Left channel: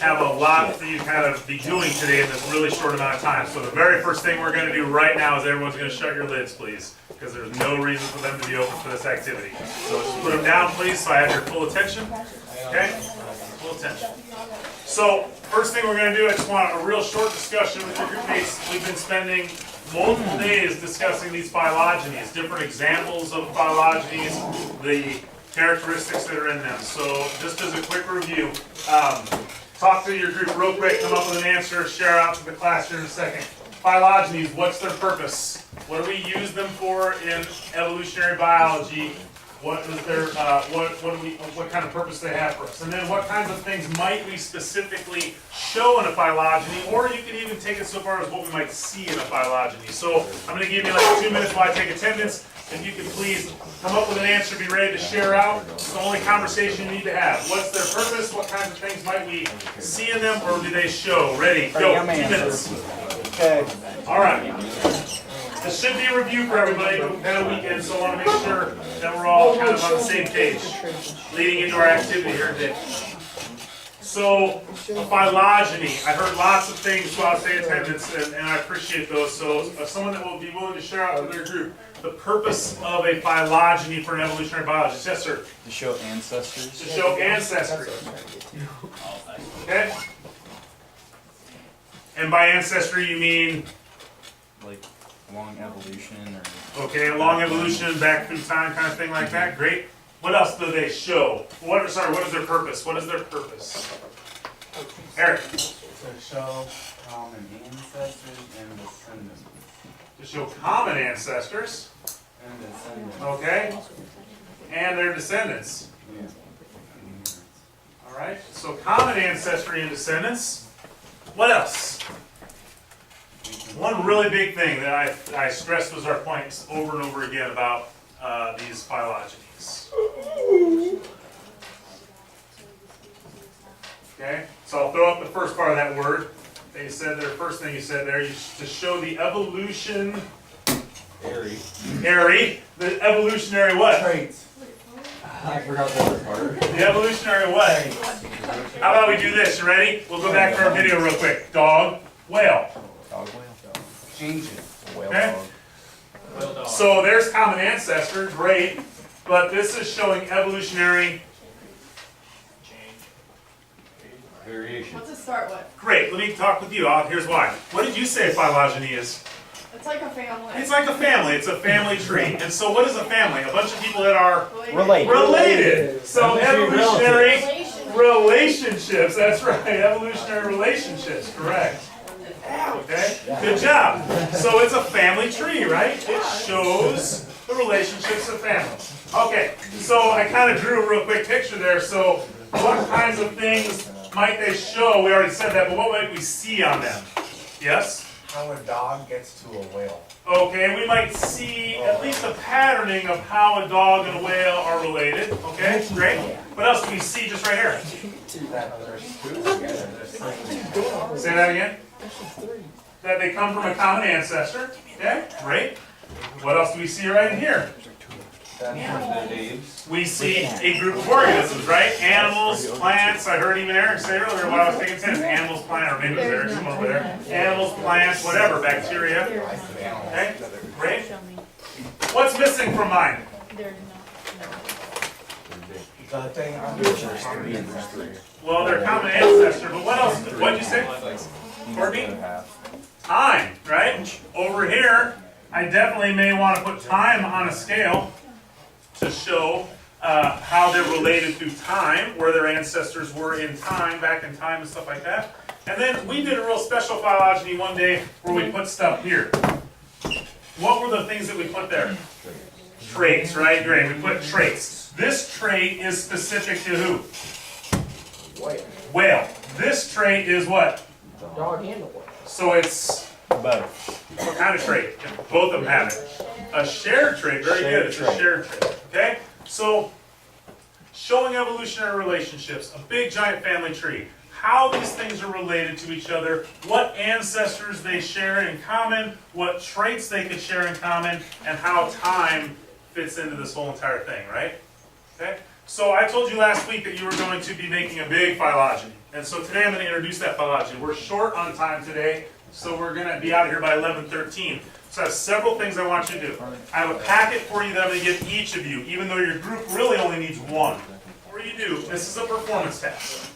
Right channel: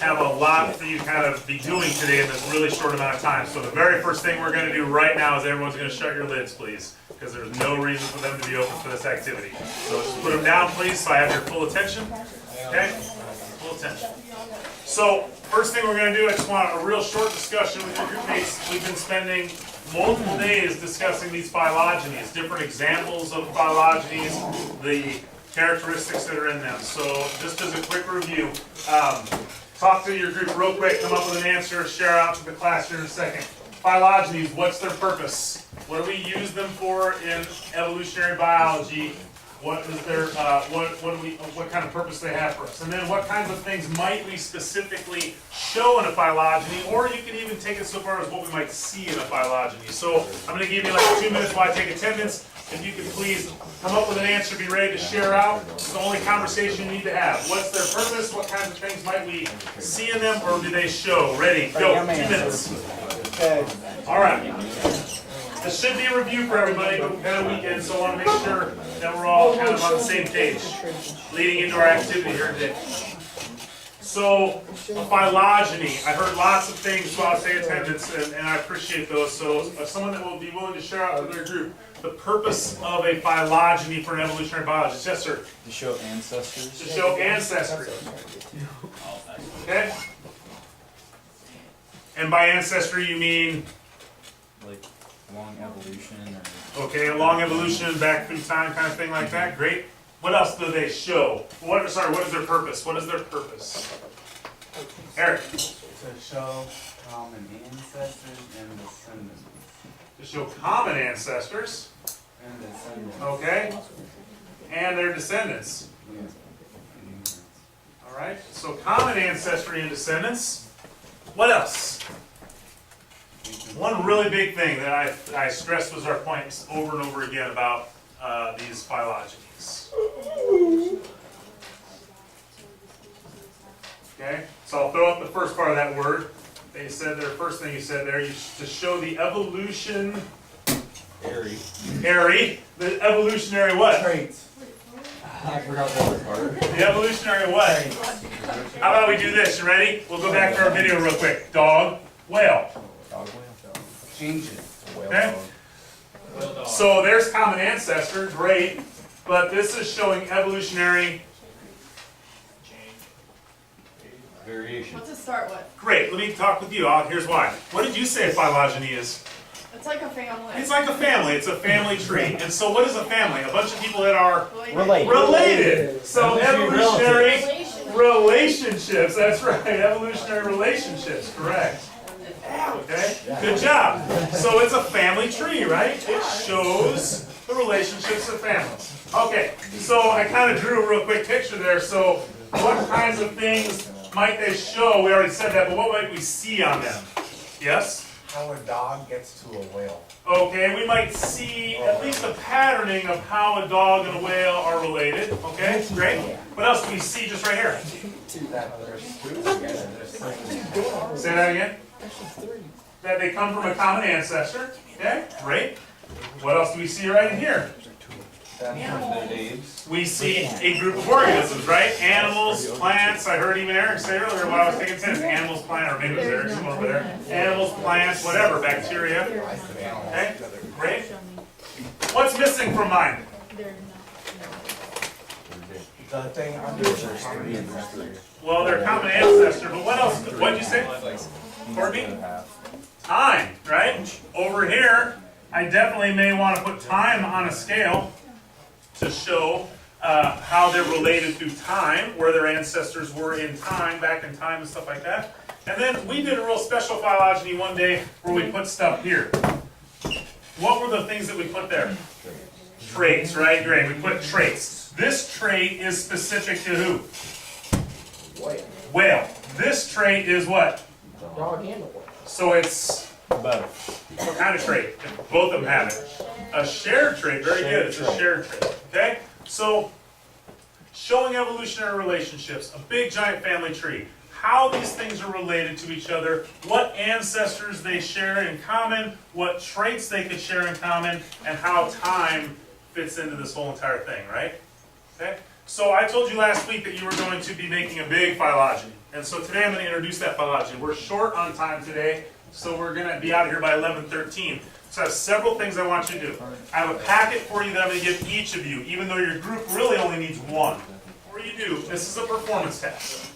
have a lot for you to kind of be doing today in this really short amount of time. So the very first thing we're going to do right now is everyone's going to shut your lids, please, because there's no reason for them to be open for this activity. So just put them down, please, so I have your full attention. Okay? Full attention. So first thing we're going to do, I just want a real short discussion with your group mates. We've been spending multiple days discussing these phylogenies, different examples of phylogenies, the characteristics that are in them. So just as a quick review, talk to your group real quick, come up with an answer, share out to the class here in a second. Phylogenies, what's their purpose? What do we use them for in evolutionary biology? What is their what kind of purpose they have for us? And then what kinds of things might we specifically show in a phylogeny, or you can even take it so far as what we might see in a phylogeny. So I'm going to give you like 2 minutes while I take attendance. If you could please come up with an answer, be ready to share out. It's the only conversation you need to have. What's their purpose? What kinds of things might we see in them, or do they show? Ready, go, 2 minutes. Okay. All right. This should be a review for everybody, but we've had a weekend, so I want to make sure that we're all kind of on the same page leading into our activity here today. So, phylogeny. I heard lots of things while I say attendance, and I appreciate those. So, someone that will be willing to share out to their group the purpose of a phylogeny for an evolutionary biologist. Yes, sir? To show ancestors. To show ancestry. Okay? And by ancestry, you mean? Like long evolution or... Okay, a long evolution, back through time kind of thing like that. Great. What else do they show? What is their purpose? What is their purpose? Eric. To show common ancestors and descendants. To show common ancestors. And descendants. Okay. And their descendants. Yeah. Alright, so common ancestry and descendants. What else? One really big thing that I stressed was our points over and over again about these phylogenies. Okay, so I'll throw up the first part of that word. They said their first thing you said there, to show the evolution. The evolutionary what? Traits. I forgot the other part. The evolutionary what? How about we do this? You ready? We'll go back to our video real quick. Dog, whale. Dog whale. Ancient. Whale Okay. dog. So there's common ancestor, great, but this is showing evolutionary. Variation. What's it start with? Great, let me talk with you. Here's why. What did you say phylogeny is? It's like a family. It's like a family. It's a family tree. And so what is a family? A bunch of people that are related. So evolutionary relationships. That's right. Evolutionary relationships. Correct. Okay. Good job. So it's a family tree, right? It shows the relationships of families. Okay. So I kind of drew a real quick picture there. So what kinds of things might they show? We already said that, but what might we see on them? Yes? How a dog gets to a whale. Okay, we might see at least a patterning of how a dog and a whale are related. Okay, great. What else do we see just right here? That there's two together. Say that again. That they come from a common ancestor. Okay, great. What else do we see right in here? We see a group of organisms, right? Animals, plants. I heard even Eric say earlier while I was taking attendance. Animals, plants, or maybe it was Eric somewhere over there. Animals, plants, whatever, bacteria. Okay, great. What's missing from mine? The thing under Well, they're common ancestor, but what else? What did you say? Courtney? Time, right? Over here, I definitely may want to put time on a scale to show how they're related through time, where their ancestors were in time, back in time and stuff like that. And then we did a real special phylogeny one day where we put stuff here. What were the things that we put there? Traits, right? Great, we put traits. This trait is specific to who? Whale. This trait is what? Dog and a whale. So it's Both. what kind of trait? If both of them have it. A shared trait, very good, it's a shared trait, okay? So, showing evolutionary relationships, a big giant family tree, how these things are related to each other, what ancestors they share in common, what traits they could share in common, and how time fits into this whole entire thing, right? Okay? So I told you last week that you were going to be making a big phylogeny. And so today I'm going to introduce that phylogeny. We're short on time today, so we're going to be out of here by 11:13. So I have several things I want you to do. I have a packet for you that I'm going to give each of you, even though your group really only needs one. Before you do, this is a performance task.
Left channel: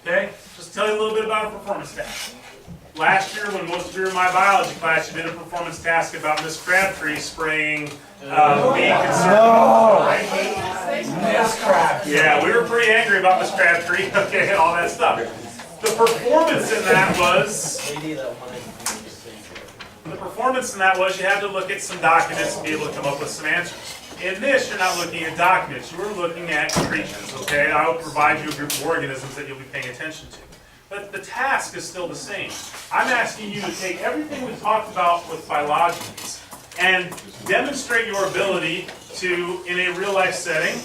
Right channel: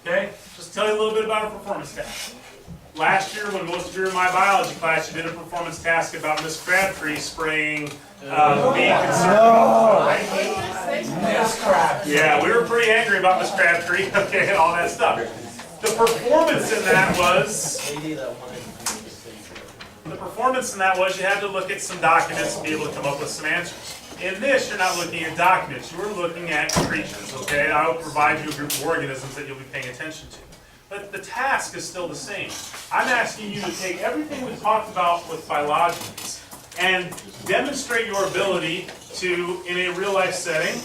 Okay? Just tell you a little bit about a performance task. Last year, when most of you were in my biology class, you did a performance task about Miss Crabtree spraying being concerned about, right? Miss Crab. Yeah, we were pretty angry about Miss Crabtree, okay, and all that stuff. The performance in that was you had to look at some documents and be able to come up with some answers. In this, you're not looking at documents, you are looking at creatures, okay? I will provide you a group of organisms that you'll be paying attention to. But the task is still the same. I'm asking you to take everything we talked about with phylogenies and demonstrate your ability to, in a real life setting,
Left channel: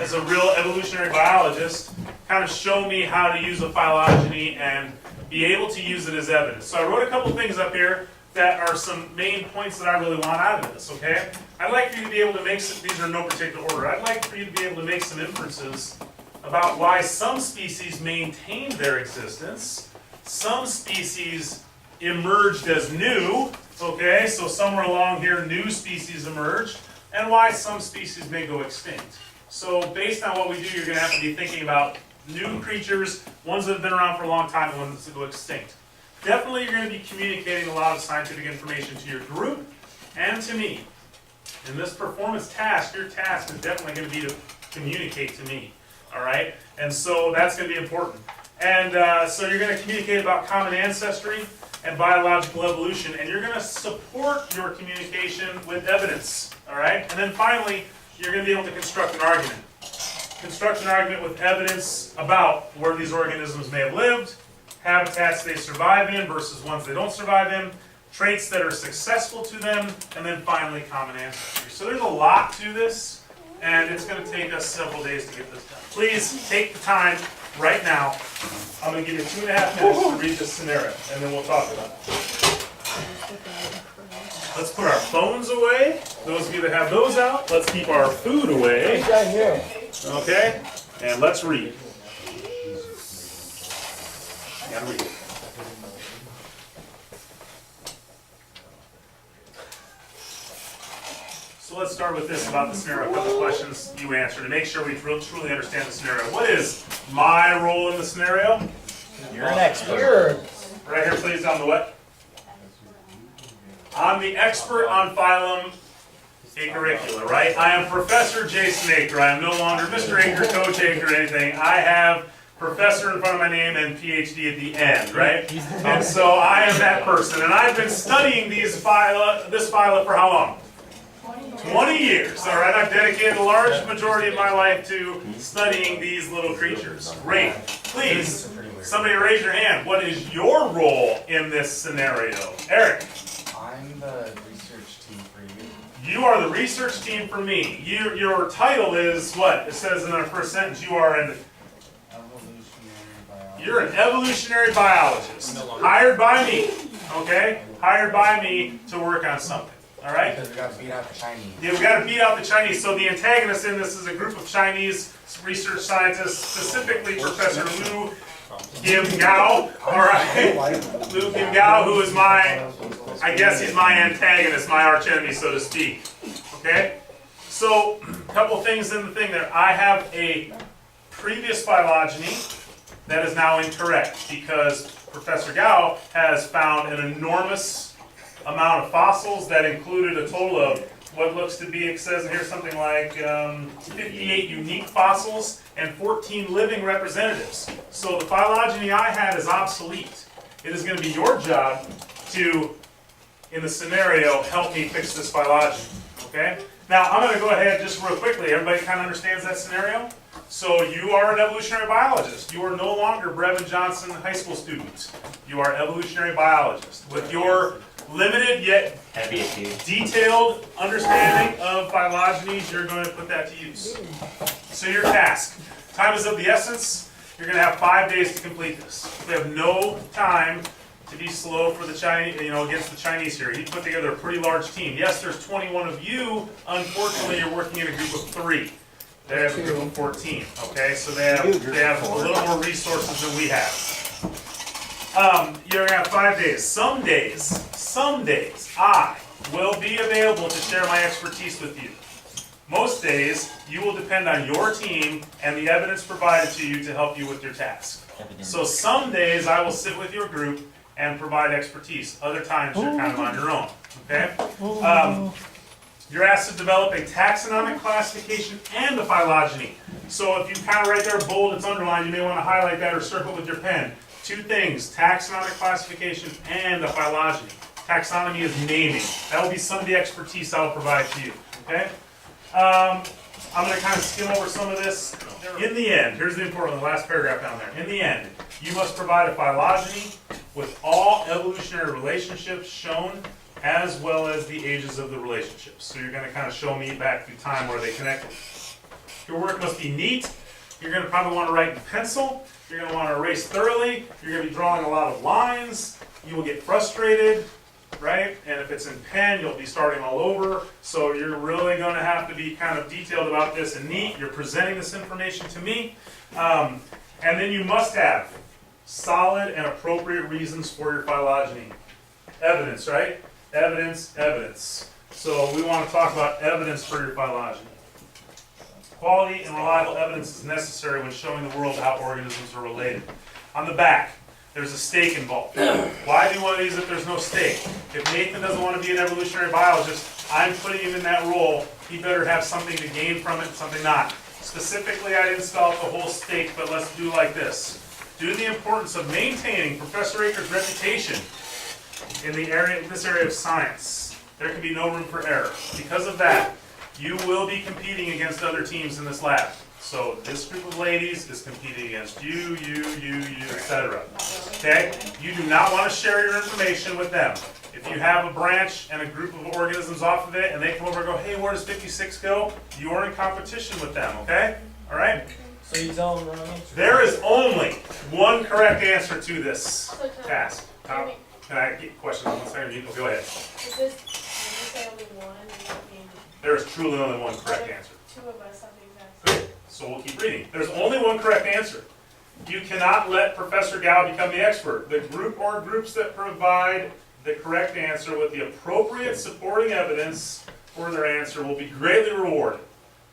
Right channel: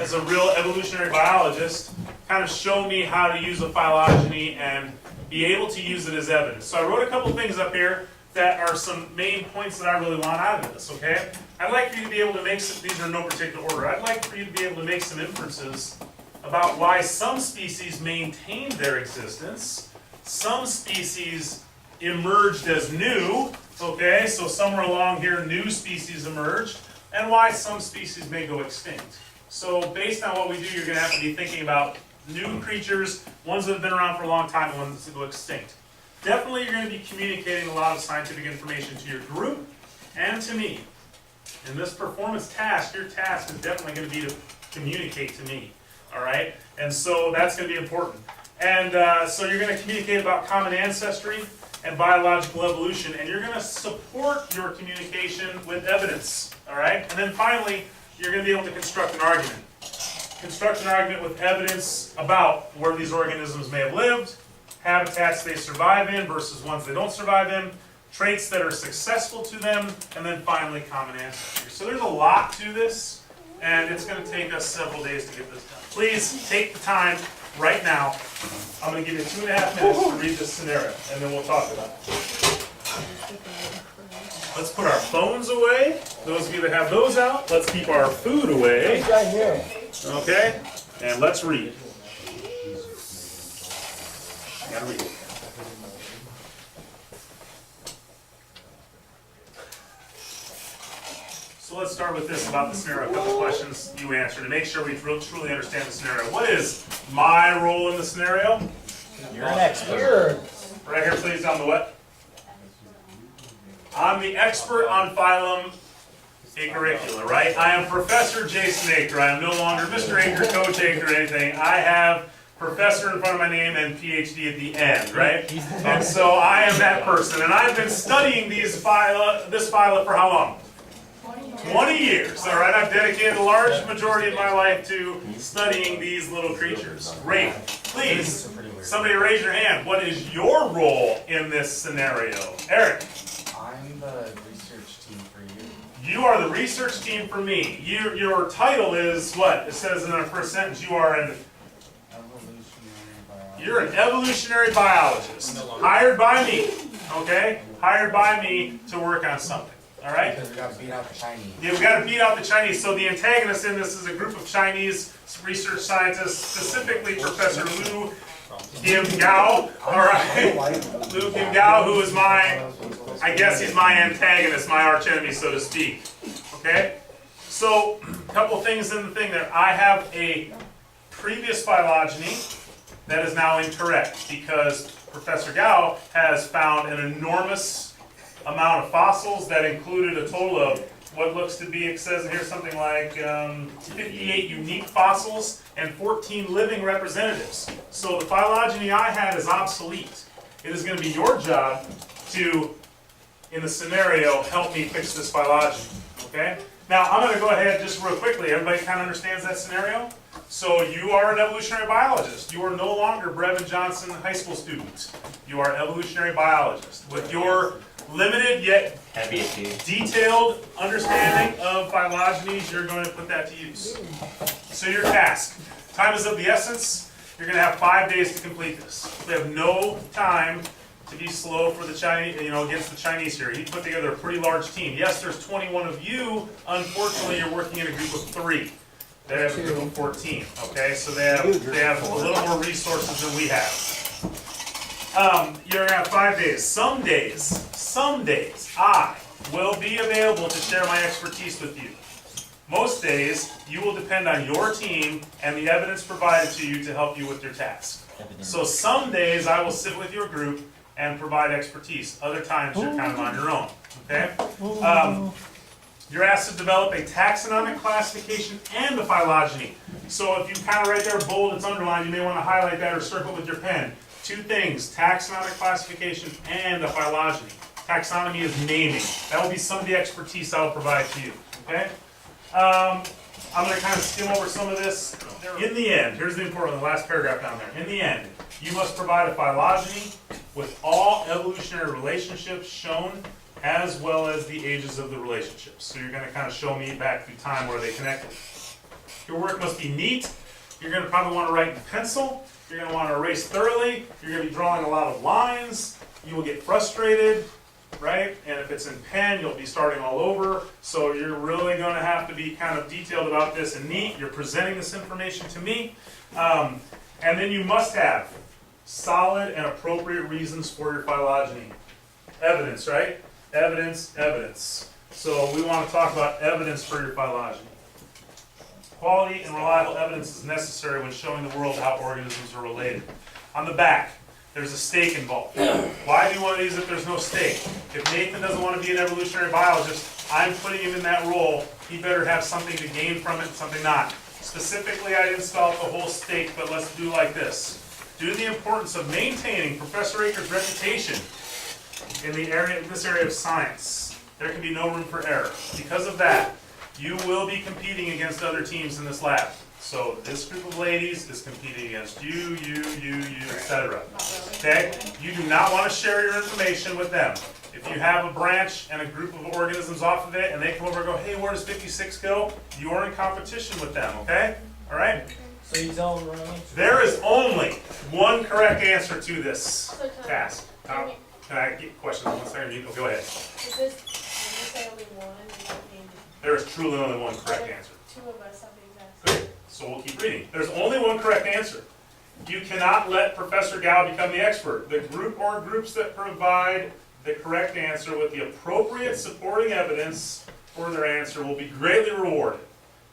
as a real evolutionary biologist, kind of show me how to use a phylogeny and be able to use it as evidence. So I wrote a couple things up here that are some main points that I really want out of this, okay? I'd like for you to be able to make some, these are in no particular order, I'd like for you to be able to make some inferences about why some species maintained their existence, some species emerged as new, okay, so somewhere along here new species emerged, and why some species may go extinct. So based on what we do, you're going to have to be thinking about new creatures, ones that have been around for a long time, and ones that go extinct. Definitely you're going to be communicating a lot of scientific information to your group and to me. In this performance task, your task is definitely going to be to communicate to me. All right, and so that's going to be important. And so you're going to communicate about common ancestry and biological evolution, and you're going to support your communication with evidence. All right, and then finally, you're going to be able to construct an argument. Construct an argument with evidence about where these organisms may have lived, habitats they survive in versus ones they don't survive in, traits that are successful to them, and then finally common ancestry. So there's a lot to this. And it's going to take us several days to get this done. Please take the time right now. I'm going to give you 2.5 minutes to read this scenario, and then we'll talk about it. Let's put our phones away. Those of you that have those out, let's keep our food away. Okay? And let's read. And read. So let's start with this about the scenario. A couple questions you answer to make sure we truly understand the scenario. What is my role in the scenario? You're an expert. Right here, please, on the what? I'm the expert on phylum Acaricula, right? I am Professor Jason Aker. I am no longer Mr. Aker, Coach Aker, or anything. I have Professor in front of my name and PhD at the end, right? And so I am that person. And I've been studying this phyla for how long? 20 years, all right? I've dedicated a large majority of my life to studying these little creatures. Great. Please, somebody raise your hand. What is your role in this scenario? Eric. I'm the research team for you. You are the research team for me. Your title is what? It says in our first sentence, you are an Evolutionary biologist. You're an evolutionary biologist. Hired by me, okay? Hired by me to work on something. All right? Because we got to beat out the Chinese. Yeah, we got to beat out the Chinese. So the antagonist in this is a group of Chinese research scientists, specifically Professor Liu Kim Gao. All right, Liu Kim Gao, who is I guess he's my antagonist, my archenemy, so to speak. Okay. So a couple things in the thing there. I have a previous phylogeny that is now incorrect because Professor Gao has found an enormous amount of fossils that included a total of what looks to be, it says here something like 58 unique fossils and 14 living representatives. So the phylogeny I had is obsolete. It is going to be your job to, in the scenario, help me fix this phylogeny. Okay? Now I'm going to go ahead just real quickly. Everybody kind of understands that scenario? So you are an evolutionary biologist. You are no longer Brevin Johnson high school student. You are an evolutionary biologist. With your limited yet detailed understanding of phylogenies, you're going to put that to use. So your task. Time is of the essence. You're going to have 5 days to complete this. We have no time to be slow for the Chinese, against the Chinese here. He put together a pretty large team. Yes, there's 21 of you. Unfortunately, you're working in a group of 3. They have a group of 14, okay? So they have a little more resources than we have. You're gonna have 5 days. Some days, I will be available to share my expertise with you. Most days, you will depend on your team and the evidence provided to you to help you with your task. So some days, I will sit with your group and provide expertise. Other times, you're kind of on your own, okay? You're asked to develop a taxonomic classification and a phylogeny. So if you kind of right there bold, it's underlined, you may want to highlight that or circle with your pen. 2 things, taxonomic classification and a phylogeny. Taxonomy is naming. That will be some of the expertise I will provide to you, okay? I'm going to kind of skim over some of this. In the end, here's the important, the last paragraph down there. In the end, you must provide a phylogeny with all evolutionary relationships shown as well as the ages of the relationships. So you're going to kind of show me back through time where they connected. Your work must be neat. You're going to probably want to write in pencil. You're going to want to erase thoroughly. You're going to be drawing a lot of lines. You will get frustrated, right? And if it's in pen, you'll be starting all over. So you're really going to have to be kind of detailed about this and neat. You're presenting this information to me. And then you must have solid and appropriate reasons for your phylogeny. Evidence, right? Evidence, evidence. So we want to talk about evidence for your phylogeny. Quality and reliable evidence is necessary when showing the world how organisms are related. On the back, there's a stake involved. Why do one of these if there's no stake? If Nathan doesn't want to be an evolutionary biologist, I'm putting him in that role. He better have something to gain from it and something not. Specifically, I didn't spell out the whole stake, but let's do like this. Due to the importance of maintaining Professor Aker's reputation in this area of science, there can be no room for error. Because of that, you will be competing against other teams in this lab. So this group of ladies is competing against you, etc. Okay? You do not want to share your information with them. If you have a branch and a group of organisms off of it, and they come over and go, hey, where does 56 go? You are in competition with them, okay? All right? So you tell them wrong answer. There is only one correct answer to this task. Can I get questions on one second? You go ahead. Is this, when you say only one, does that mean There is truly only one correct answer. 2 of us have the exact same? Good. So we'll keep reading. There's only one correct answer. You cannot let Professor Gao become the expert. The group or groups that provide the correct answer with the appropriate supporting evidence for their answer will be greatly rewarded.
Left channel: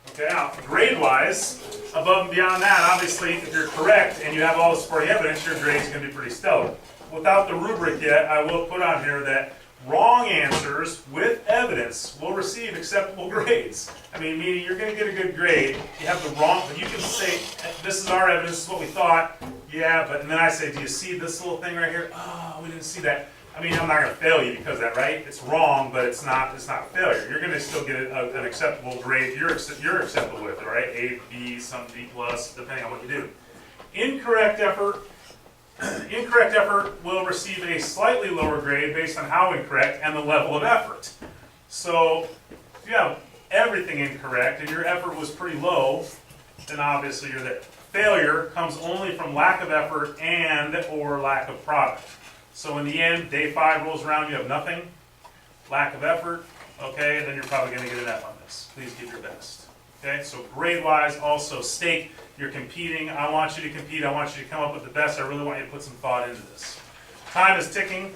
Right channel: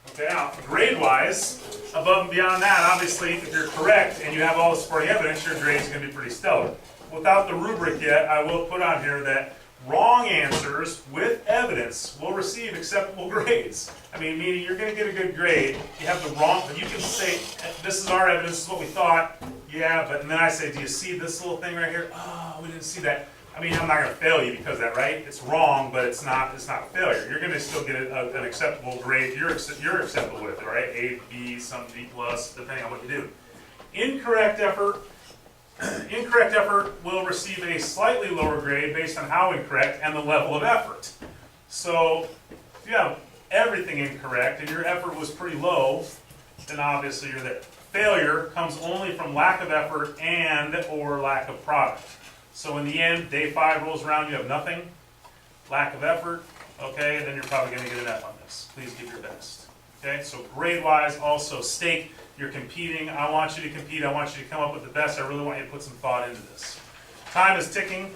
Okay, now, grade-wise, above and beyond that, obviously, if you're correct and you have all the supporting evidence, your grade's going to be pretty stellar. Without the rubric yet, I will put on here that wrong answers with evidence will receive acceptable grades. I mean, meaning you're going to get a good grade. You have the wrong, but you can say, this is our evidence, this is what we thought. Yeah, but and then I say, do you see this little thing right here? Oh, we didn't see that. I mean, I'm not going to fail you because of that, right? It's wrong, but it's not failure. You're going to still get an acceptable grade. You're acceptable with it, right? A, B, some B plus, depending on what you do. Incorrect effort will receive a slightly lower grade based on how incorrect and the level of effort. So if you have everything incorrect and your effort was pretty low, then obviously you're there. Failure comes only from lack of effort and or lack of product. So in the end, day 5 rolls around, you have nothing, lack of effort, okay, then you're probably going to get an F on this. Please give your best. Okay, so grade-wise, also stake, you're competing. I want you to compete. I want you to come up with the best. I really want you to put some thought into this. Time is ticking.